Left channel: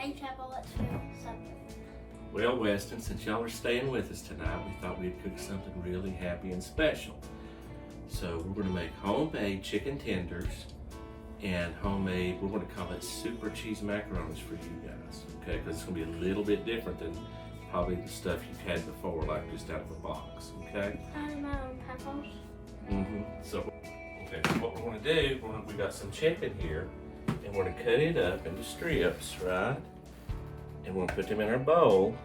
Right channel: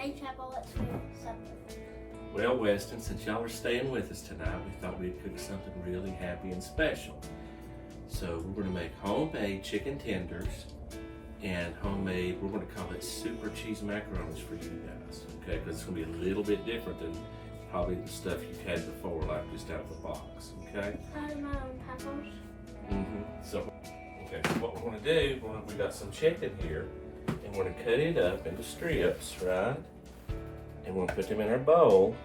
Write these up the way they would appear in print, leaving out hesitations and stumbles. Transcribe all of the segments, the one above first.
Hey, Papa, what's for supper? Well, Weston, since y'all are staying with us tonight, we thought we'd cook something really happy and special. So we're gonna make homemade chicken tenders and homemade, we're gonna call it super cheese macaronis for you guys, okay? Because it's gonna be a little bit different than probably the stuff you've had before, like just out of the box, okay? Papaws. So what we're gonna do, we got some chicken here, and we're gonna cut it up into strips, right? And we're gonna put them in our bowl.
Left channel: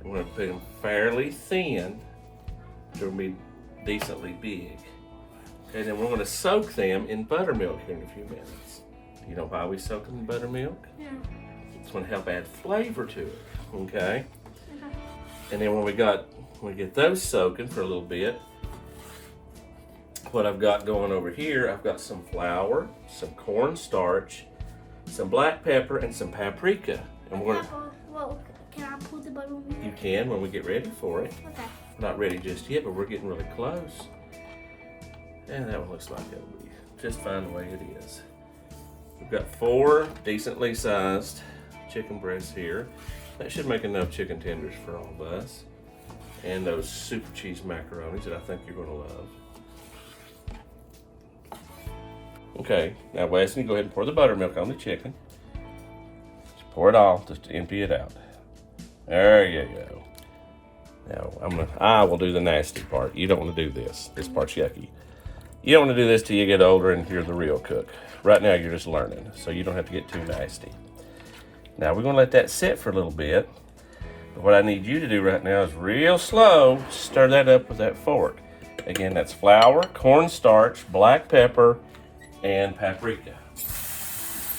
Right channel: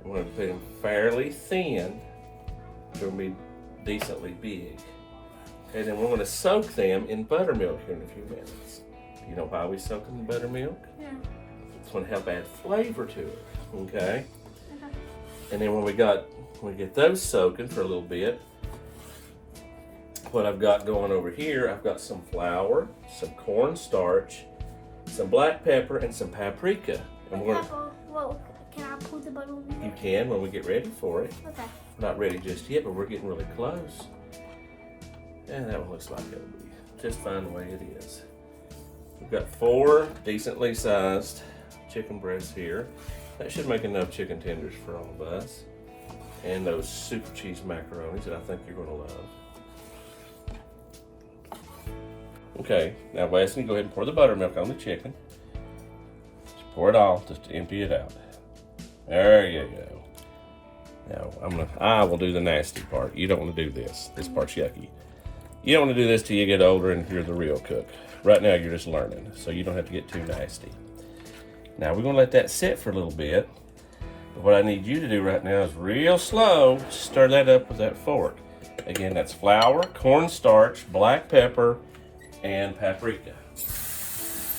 And we're gonna put them fairly thin. They're gonna be decently big. And then we're gonna soak them in buttermilk here in a few minutes. You know why we soak them in buttermilk? Yeah. It's gonna help add flavor to it, okay? And then when we get those soaking for a little bit, what I've got going over here, I've got some flour, some cornstarch, some black pepper, and some paprika. And we're gonna, Well, can I pull the button? you can when we get ready for it. Okay. We're not ready just yet, but we're getting really close. And that one looks like it'll be just fine the way it is. We've got 4 decently sized chicken breasts here. That should make enough chicken tenders for all of us. And those super cheese macaronis that I think you're gonna love. Okay, now Wesley, go ahead and pour the buttermilk on the chicken. Just pour it all, just to empty it out. There you go. Now I will do the nasty part. You don't want to do this. This part's yucky. You don't want to do this till you get older and you're the real cook. Right now you're just learning, so you don't have to get too nasty. Now we're gonna let that sit for a little bit. But what I need you to do right now is real slow, stir that up with that fork. Again, that's flour, cornstarch, black pepper, and paprika.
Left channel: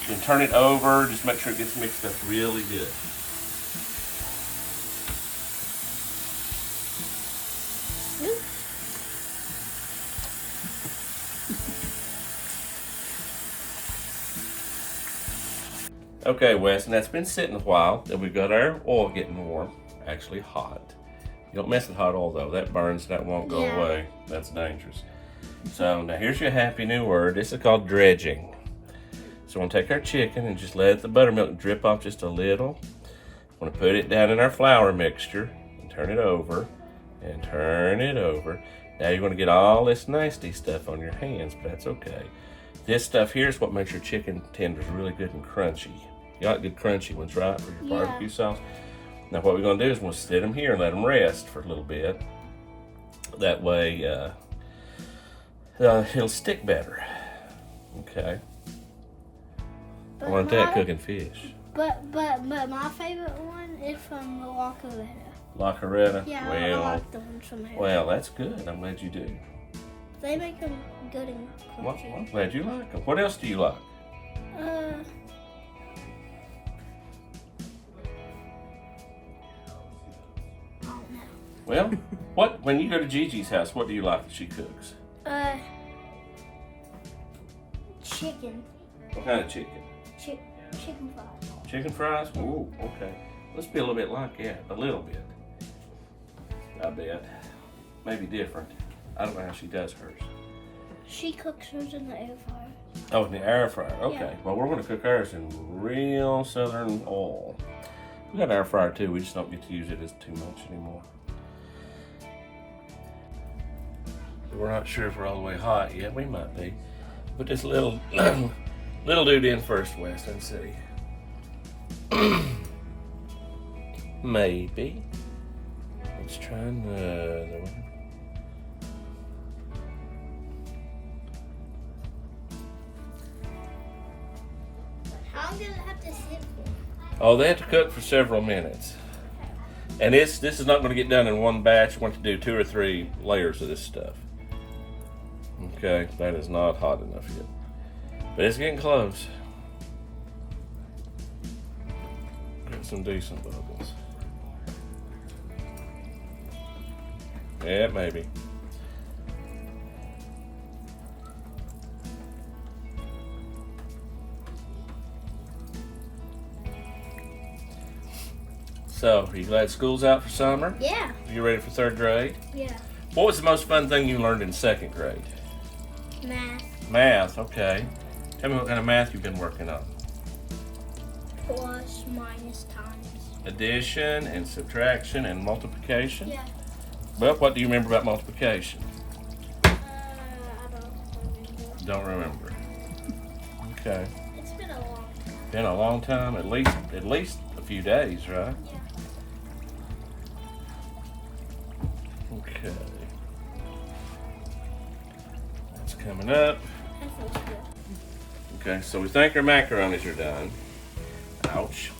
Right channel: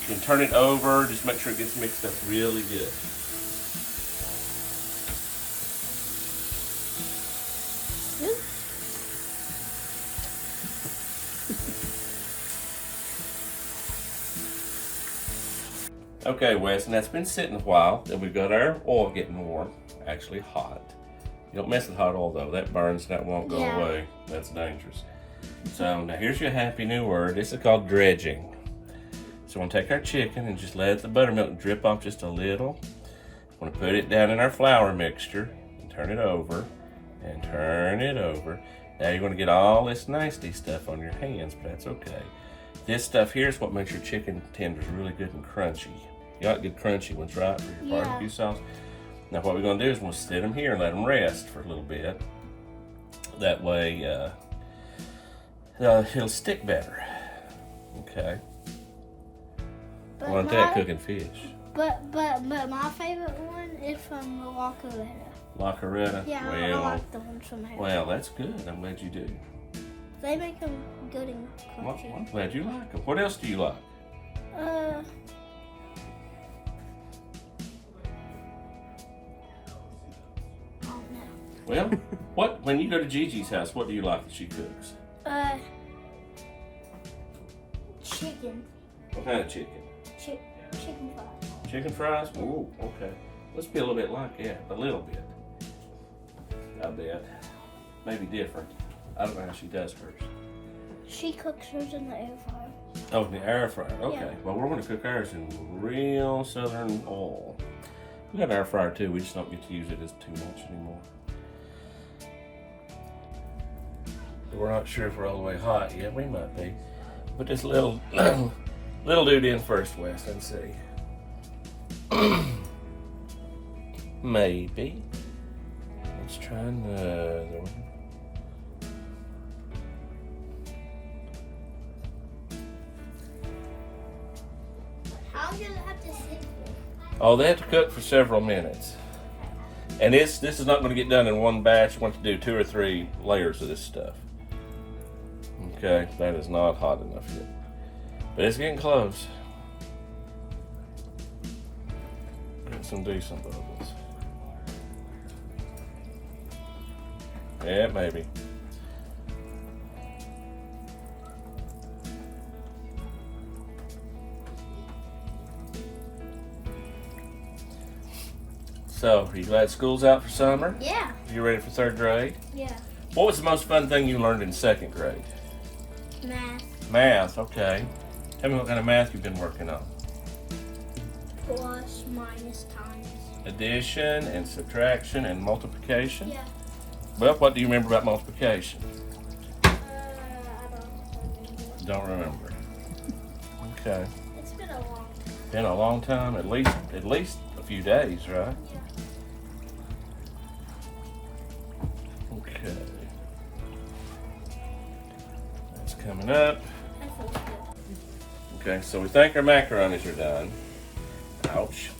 You can turn it over, just make sure it gets mixed up really good. Okay, Wes, and that's been sitting a while. Then we've got our oil getting warm, actually hot. You don't mess with hot oil though, that burns, that won't go away. That's dangerous. So now here's your happy new word. This is called dredging. So we're gonna take our chicken and just let the buttermilk drip off just a little. We're gonna put it down in our flour mixture and turn it over and turn it over. Now you're gonna get all this nasty stuff on your hands, but that's okay. This stuff here is what makes your chicken tenders really good and crunchy. You like good crunchy ones, right, for your barbecue sauce? Now what we're gonna do is we'll sit them here and let them rest for a little bit. That way, it'll stick better. Okay. I want that cooking fish. But my favorite one is from La Coretta. La Coretta? Yeah, well, I like the ones from here. Well, that's good. I'm glad you do. They make them good and Well, crunchy. I'm glad you like them. What else do you like? Oh no. Well, when you go to Gigi's house, what do you like that she cooks? Chicken. What kind of chicken? Chicken fries. Chicken fries? Ooh, okay. Let's be a little bit like that. A little bit. I bet. Maybe different. I don't know how she does hers. She cooks hers in the air fryer. Oh, in the air fryer. Okay. Yeah. Well, we're going to cook ours in real southern oil. We got an air fryer too. We just don't get to use it as too much anymore. We're not sure if we're all the way hot yet. We might be. Put this little little dude in first, West, and see. Maybe. Let's try another one. How long does it have to sit for? Oh, they have to cook for several minutes. And this is not going to get done in one batch. You want to do 2 or 3 layers of this stuff. Okay, that is not hot enough yet. But it's getting close. Got some decent bubbles. Yeah, maybe. So, are you glad school's out for summer? Yeah. You ready for 3rd grade? Yeah. What was the most fun thing you learned in 2nd grade? Math. Math, okay. Tell me what kind of math you've been working on. plus, minus, times. Addition and subtraction and multiplication. Yeah. But what do you remember about multiplication? I Don't remember. Okay. It's been a long time. Been a long time, at least a few days, right? Okay. What's coming up? That feels good. Okay, so we think our macaronis are done. Ouch.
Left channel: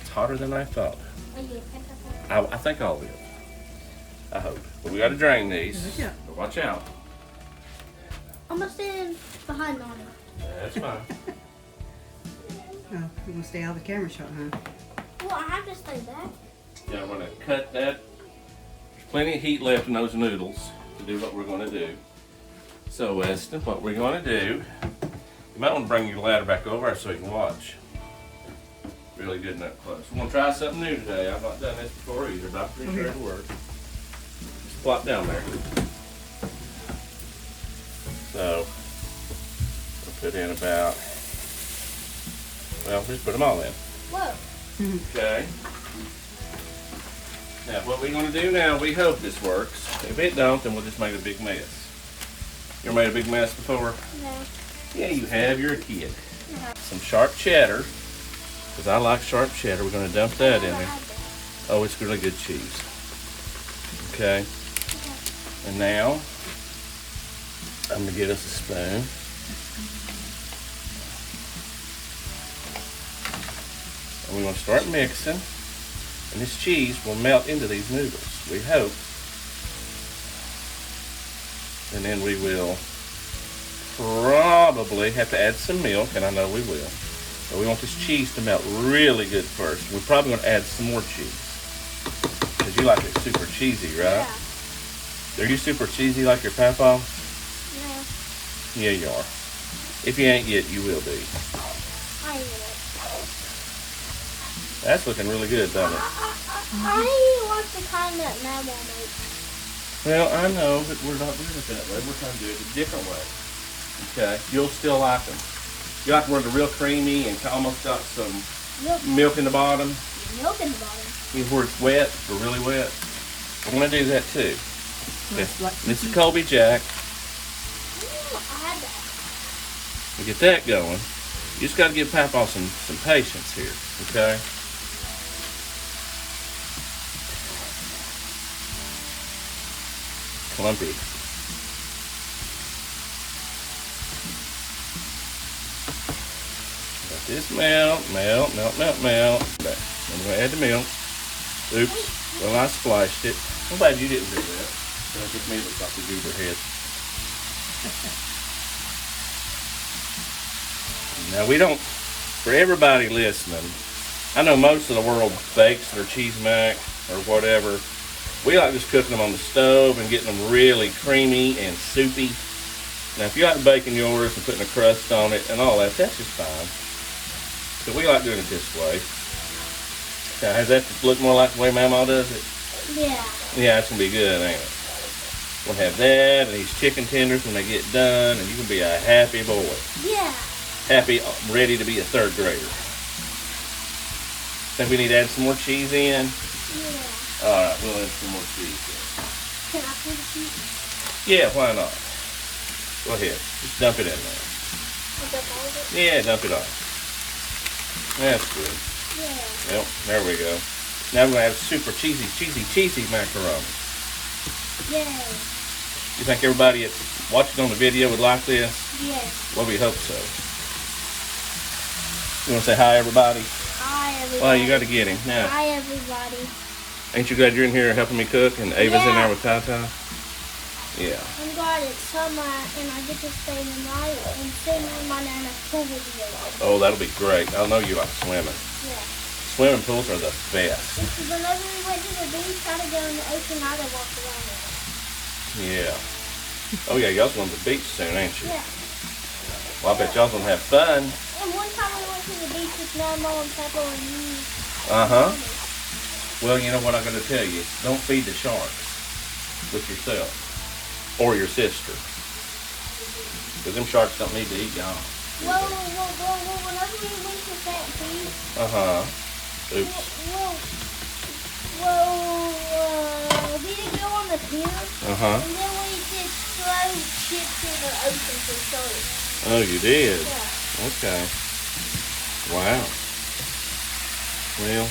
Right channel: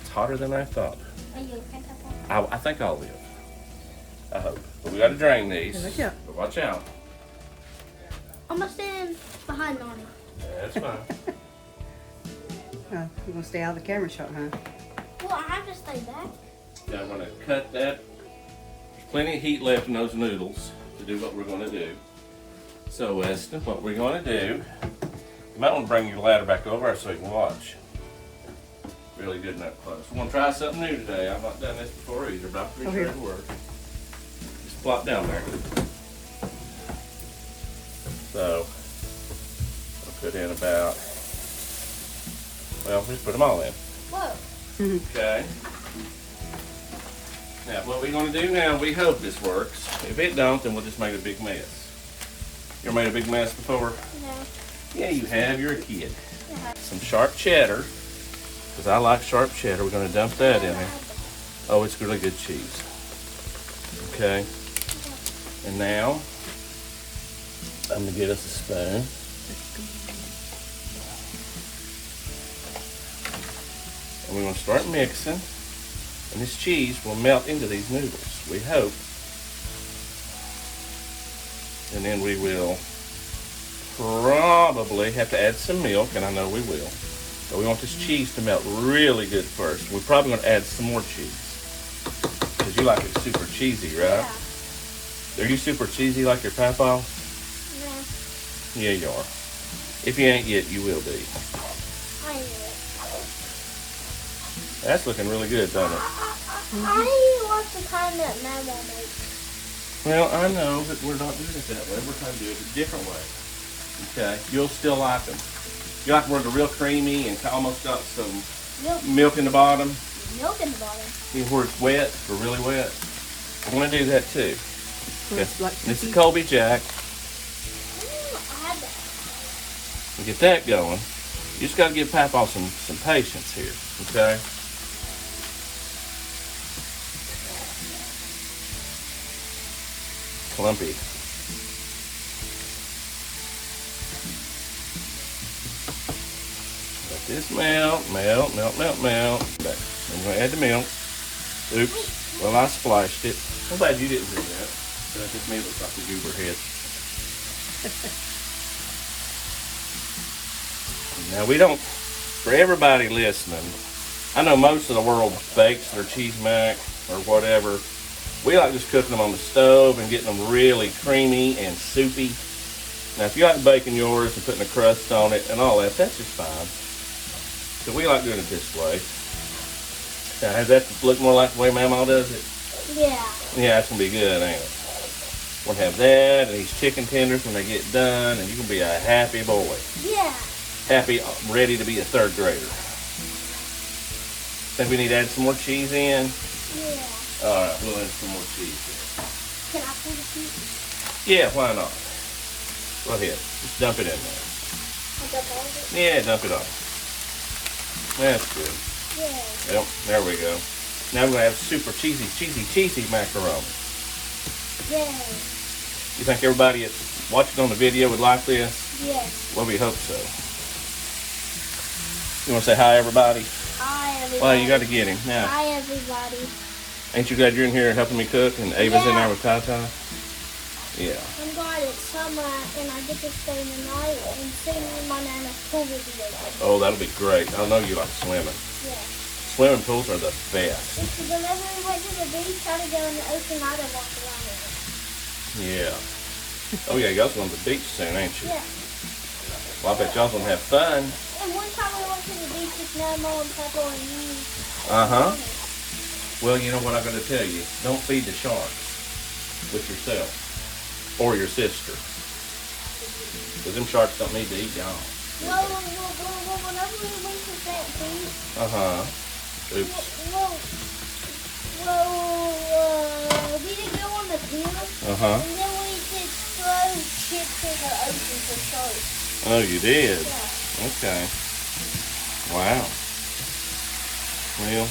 It's hotter than I thought. Are you okay, Papa? I think I'll do it. I hope. But we gotta drain these. Yeah. But watch out. I'm gonna stand behind Mama. That's fine. Oh, you're gonna stay out of the camera shot, huh? Well, I have to stay back. Yeah, I'm gonna cut that. There's plenty of heat left in those noodles to do what we're gonna do. So, Weston, what we're gonna do, you might want to bring your ladder back over so you can watch. Really good and that close. We're gonna try something new today. I've not done this before either. Dr. Here. Just plop down there. So, we'll put in about, well, just put them all in. Whoa. Okay. Now, what we're going to do now, we hope this works. If it don't, then we'll just make a big mess. You ever made a big mess before? No. Yeah, you have. You're a kid. Yeah. Some sharp cheddar, because I like sharp cheddar. We're going to dump that in there. Oh, it's really good cheese. Okay. And now, I'm going to get us a spoon. And we're going to start mixing. And this cheese will melt into these noodles, we hope. And then we will probably have to add some milk, and I know we will. But we want this cheese to melt really good first. We're probably going to add some more cheese. Because you like it super cheesy, right? Yeah. Are you super cheesy like your Papaw? No. Yeah, you are. If you ain't yet, you will be. I knew it. That's looking really good, doesn't it? I didn't want the kind that Mama makes. Well, I know, but we're not doing it that way. We're trying to do it a different way. Okay, you'll still like them. You like them where they're real creamy and almost got some milk in the bottom. Milk in the bottom. You know, where it's wet or really wet. I'm going to do that too. Okay. Like This is Colby Jack. Ooh, I had that. We get that going. You just got to give Papaw some patience here, okay? Clumpy. Let this melt. But I'm going to add the milk. Oops. Well, I splashed it. I'm glad you didn't do that. Don't put me looks like a zebra head. Now we don't, for everybody listening, I know most of the world bakes their cheese mac or whatever. We like just cooking them on the stove and getting them really creamy and soupy. Now if you like baking yours and putting a crust on it and all that, that's just fine. So we like doing it this way. Now does that look more like the way Mama does it? Yeah. Yeah, it's going to be good, ain't it? We'll have that and these chicken tenders when they get done, and you can be a happy boy. Yeah. Happy, ready to be a third grader. Think we need to add some more cheese in? Yeah. Alright, we'll add some more cheese Can I put the cheese? in. Yeah, why not? Go ahead. Just dump it in there. I'll dump all of it? Yeah, dump it on. That's good. Yeah. Yep, there we go. Now we're going to have super cheesy macaroni. Yeah. You think everybody that's watching on the video would like this? Yes. Well, we hope so. You want to say hi, everybody? Hi, everybody. Well, you got to get him now. Hi, everybody. Ain't you glad you're in here helping me cook and Ava's in there with Tata? Yeah. I'm glad it's summer and I get to stay the night and sing in my Nana's pool video. Oh, that'll be great. I know you like swimming. Yeah. Swimming pools are the best. Because whenever we went to the beach, trying to go in the ocean, I'd have walked around in it. Yeah. Oh, yeah, y'all's going to the beach soon, ain't you? Yeah. Well, I bet y'all's going to have fun. And one time we went to the beach with Mama and Peppa and you. Uh-huh. Well, you know what I'm going to tell you? Don't feed the sharks with yourself or your sister. Because them sharks don't need to eat y'all. Well, whenever we went to St. Pete. Oops. We didn't go on the pier. And then we just throw chips in the ocean for floats. Oh, you did? Yeah. Okay. Wow. Well,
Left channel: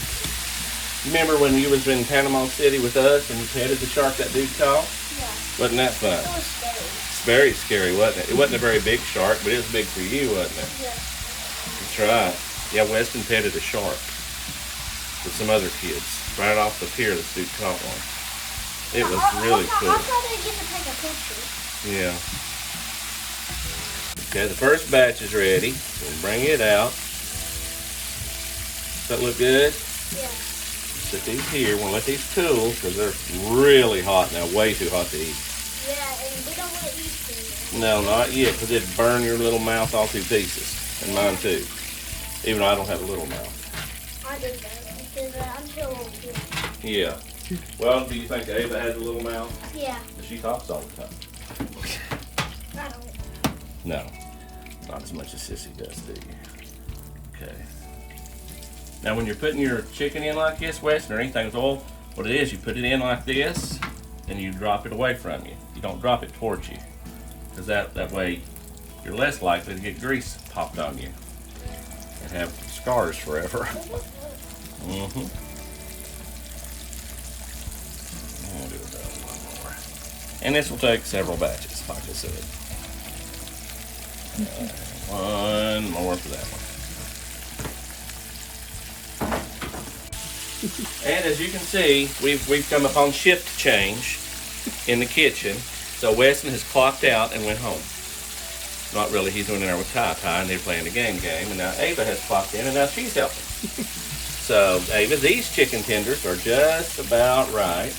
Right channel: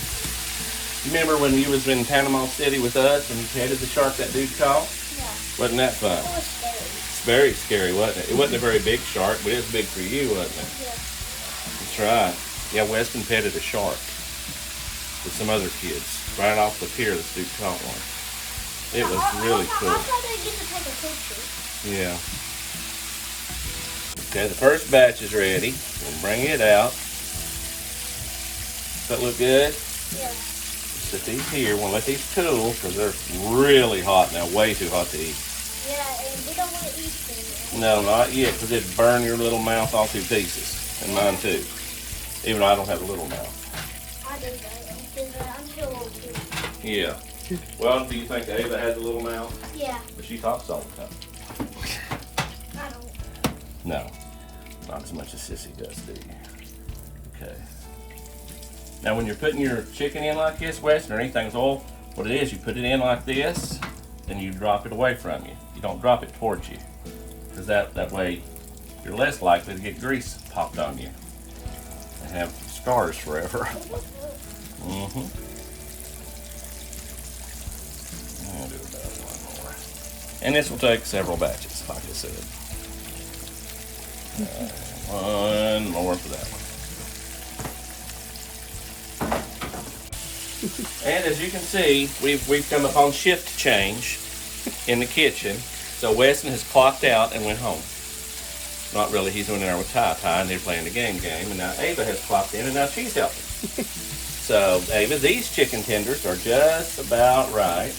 you remember when you was in Panama City with us and you petted the shark that dude caught? Yeah. Wasn't that fun? It was scary. It's very scary, wasn't it? It wasn't a very big shark, but it was big for you, wasn't it? Yeah. That's right. Yeah, Weston petted a shark with some other kids. Right off the pier, this dude caught one. It was really cool. I thought they'd get to take a picture. Yeah. Okay, the first batch is ready. We'll bring it out. Does that look good? Yeah. Put these here. We'll let these cool because they're really hot now, way too hot to eat. Yeah, and we don't want to eat them. No, not yet, because it'd burn your little mouth off in pieces. And mine too. Even though I don't have a little mouth. I do that because I'm too old too. Yeah. Well, do you think Ava has a little mouth? Yeah. But she talks all the time. I don't. No. Not as much as Sissy does, do you? Okay. Now when you're putting your chicken in like this, Weston, or anything's oil, what it is, you put it in like this, and you drop it away from you. You don't drop it towards you. Because that way, you're less likely to get grease popped on you. And have scars forever. Mm-hmm. I'll do about one more. And this will take several batches, like I said. One more for that one. And as you can see, we've come upon shift change in the kitchen. So Weston has clocked out and went home. Not really, he's in there with Ty and they're playing the game. And now Ava has clocked in and now she's helping. So Ava, these chicken tenders are just about right.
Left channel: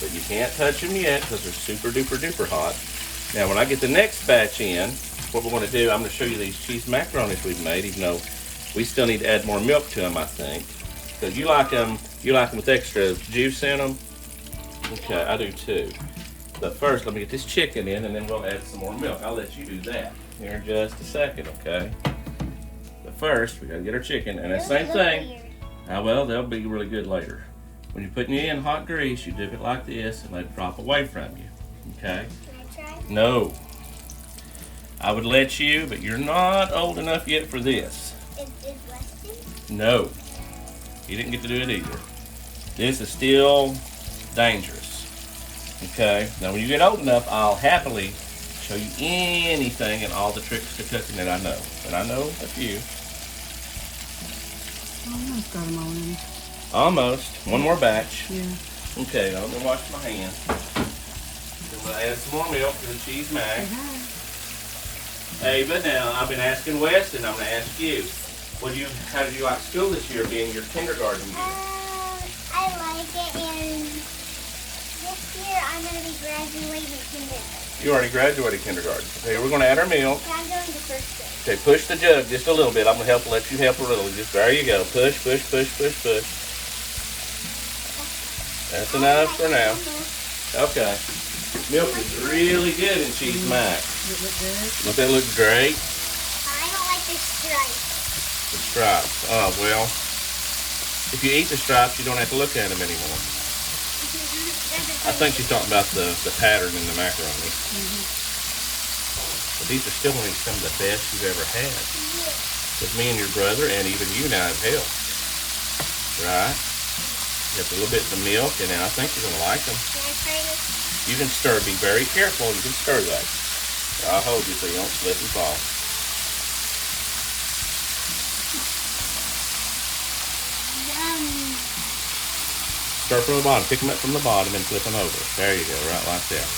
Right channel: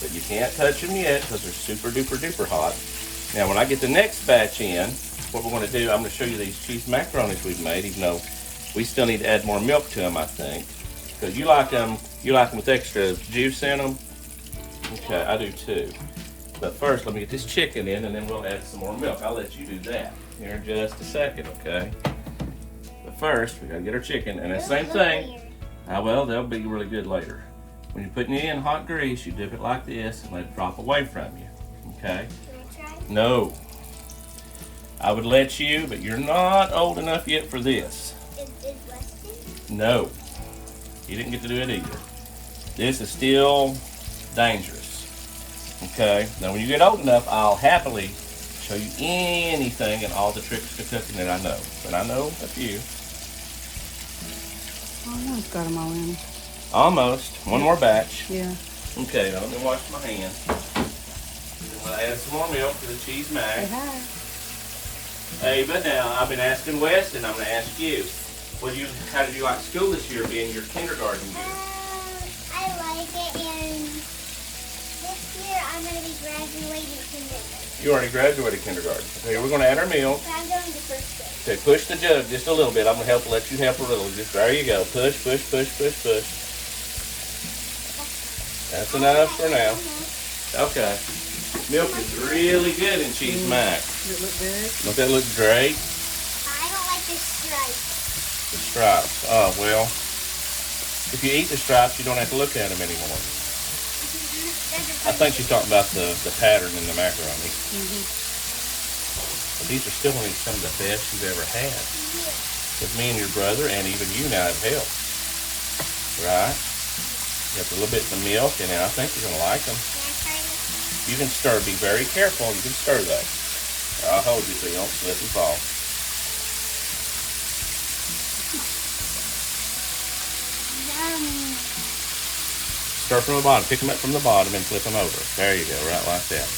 But you can't touch them yet because they're super duper duper hot. Now when I get the next batch in, what we're going to do, I'm going to show you these cheese macaronis we've made, even though we still need to add more milk to them, I think. Because you like them with extra juice in them? Okay, I do too. But first, let me get this chicken in, and then we'll add some more milk. I'll let you do that here in just a second, okay? But first, we got to get our chicken, and the same thing. Well, they'll be really good later. When you're putting it in hot grease, you dip it like this and let it drop away from you, okay? Can I try? No. I would let you, but you're not old enough yet for this. Is Weston? No. He didn't get to do it either. This is still dangerous. Okay? Now, when you get old enough, I'll happily show you anything and all the tricks to cooking that I know. And I know a few. Almost got them all in. Almost. One more batch. Yeah. Okay, I'm gonna wash my hands. Then we'll add some more milk to the cheese Say mac. hi. Ava, now I've been asking Wes, and I'm gonna ask you. How did you like school this year, being your kindergarten year? I like it, and this year I'm going to be graduating kindergarten. You already graduated kindergarten. Okay, we're gonna add our milk. I'm going to first grade. Okay, push the jug just a little bit. I'm gonna let you help a little. Just there you go. Push, push, push, push, push. That's enough for now. Okay. Milk is really good in cheese mac. Does it look good? Don't that look great? I don't like the stripes. The stripes. Oh well. If you eat the stripes, you don't have to look at them anymore. I think you're talking about the pattern in the macaroni. But these are still some of the best you've ever had. With me and your brother, and even you now have helped. Right? Just a little bit of milk, and I think you're gonna like them. Can I try this? You can stir. Be very careful. You can stir that. I'll hold you so you don't slip and fall. Stir from the bottom. Pick them up from the bottom and flip them over. There you go. Right like that.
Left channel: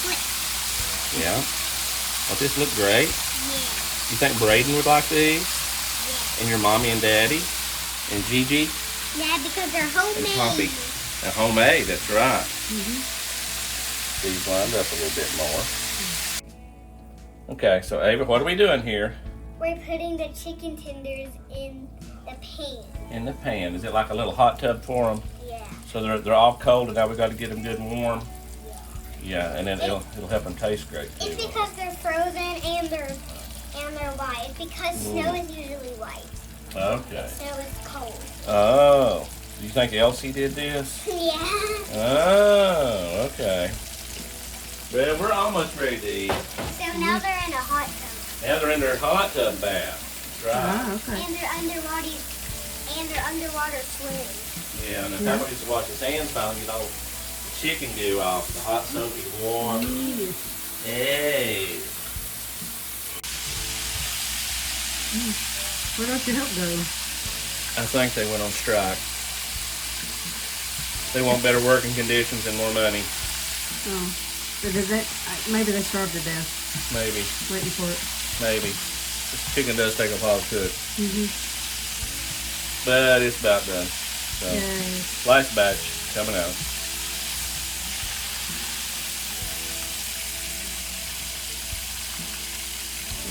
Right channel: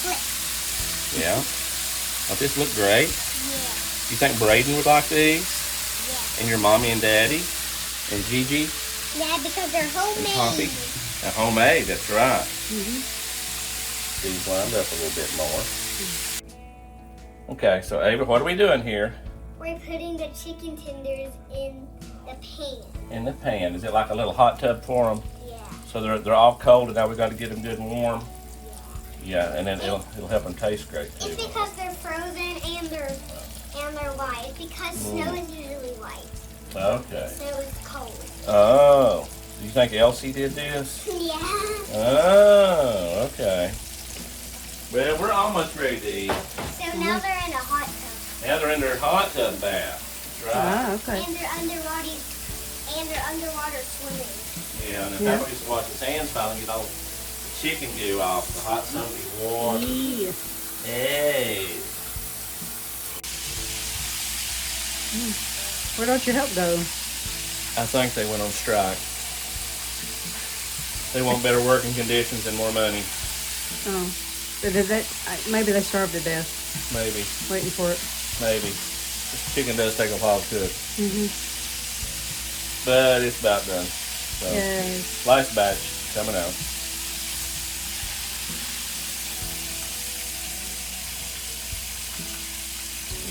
Flip. Yeah. Don't this look great? Yeah. You think Braden would like these? Yeah. And your mommy and daddy? And Gigi? Yeah, because they're And homemade. Poppy? They're homemade. That's right. These lined up a little bit more. Okay, so Ava, what are we doing here? We're putting the chicken tenders in the pan. In the pan. Is it like a little hot tub for them? Yeah. So they're all cold and now we got to get them good and warm? Yeah, and then it'll help them taste great too. It's because they're frozen and they're white. Because snow is usually white. Okay. Snow is cold. Oh, you think Elsie did this? Yeah. Oh, okay. Well, we're almost ready to eat. So now they're in a hot tub. Now they're in their hot tub bath. Right. Ah, okay. And they're underwater swimming. Yeah, and if I just wash his hands down, you know, the chicken goo off the hot soapy water. Yeah. Hey. Where don't your help go? I think they went on strike. They want better working conditions and more money. Oh. But did that, maybe they starved to death Maybe. waiting for it. Maybe. This chicken does take a while to cook. Mm-hmm. But it's about done. So, Yay. last batch coming out.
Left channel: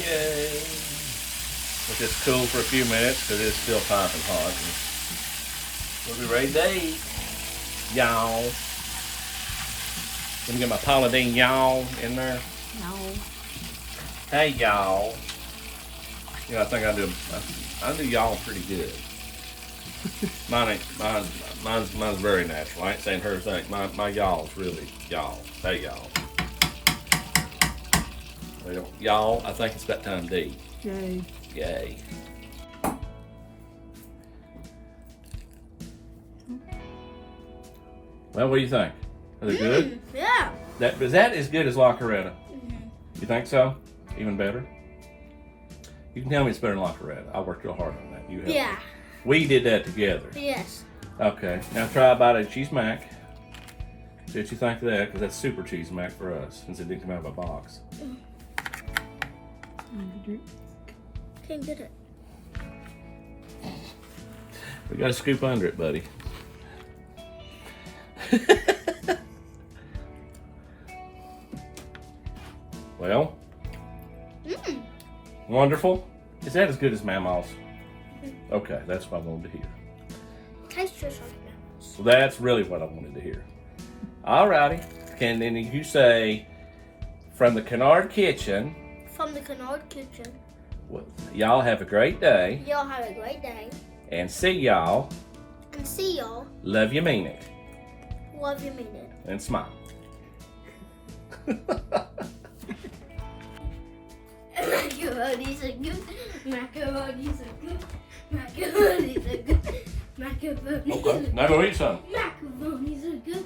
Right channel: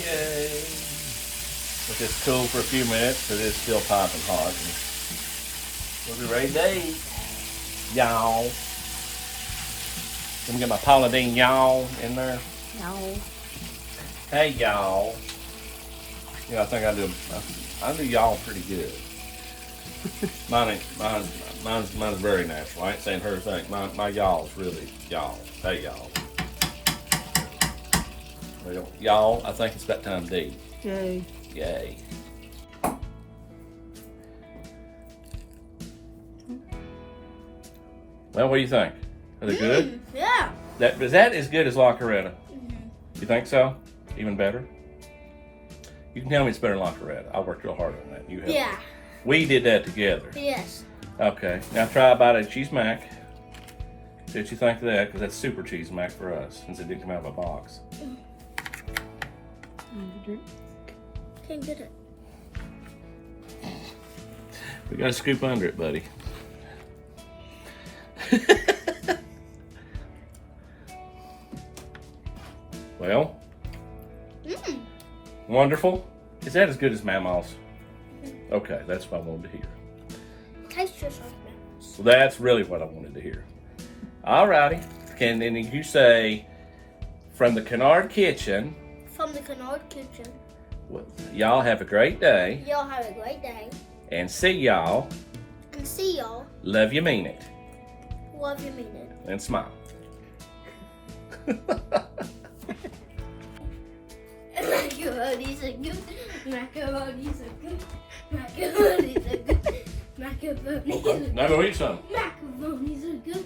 Yay. Let this cool for a few minutes because it's still piping hot. And we'll be ready to eat. Y'all. Let me get my Paula Deen y'all in there. No. Hey y'all. You know, I think I do y'all pretty good. Mine's very natural. I ain't saying her thing. My y'all's really y'all. Hey y'all. Well, y'all, I think it's that time to eat. Yay. Yay. Well, what do you think? Are they good? Yeah. Is that as good as La Coretta? You think so? Even better? You can tell me it's better than La Coretta. I worked real hard on that. You have. Yeah. We did that together. Yes. Okay. Now try about a cheese mac. See what you think of that, because that's super cheese mac for us, since it didn't come out of a box. Can't get it. We gotta scoop under it, buddy. Well, wonderful. Is that as good as Mama's? Okay, that's what I wanted to hear. Tastes just like that. So that's really what I wanted to hear. Alrighty. Can then you say from the Kennard Kitchen? From the Kennard Kitchen. Well, y'all have a great day. Y'all have a great day. And see y'all. And see y'all. Love you, mean it. Love you, mean it. And smile. Macaroni's are good. Macaroni's are good. Macaroni's are good. Macaroni's are good. Now go eat some. Macaroni's are good.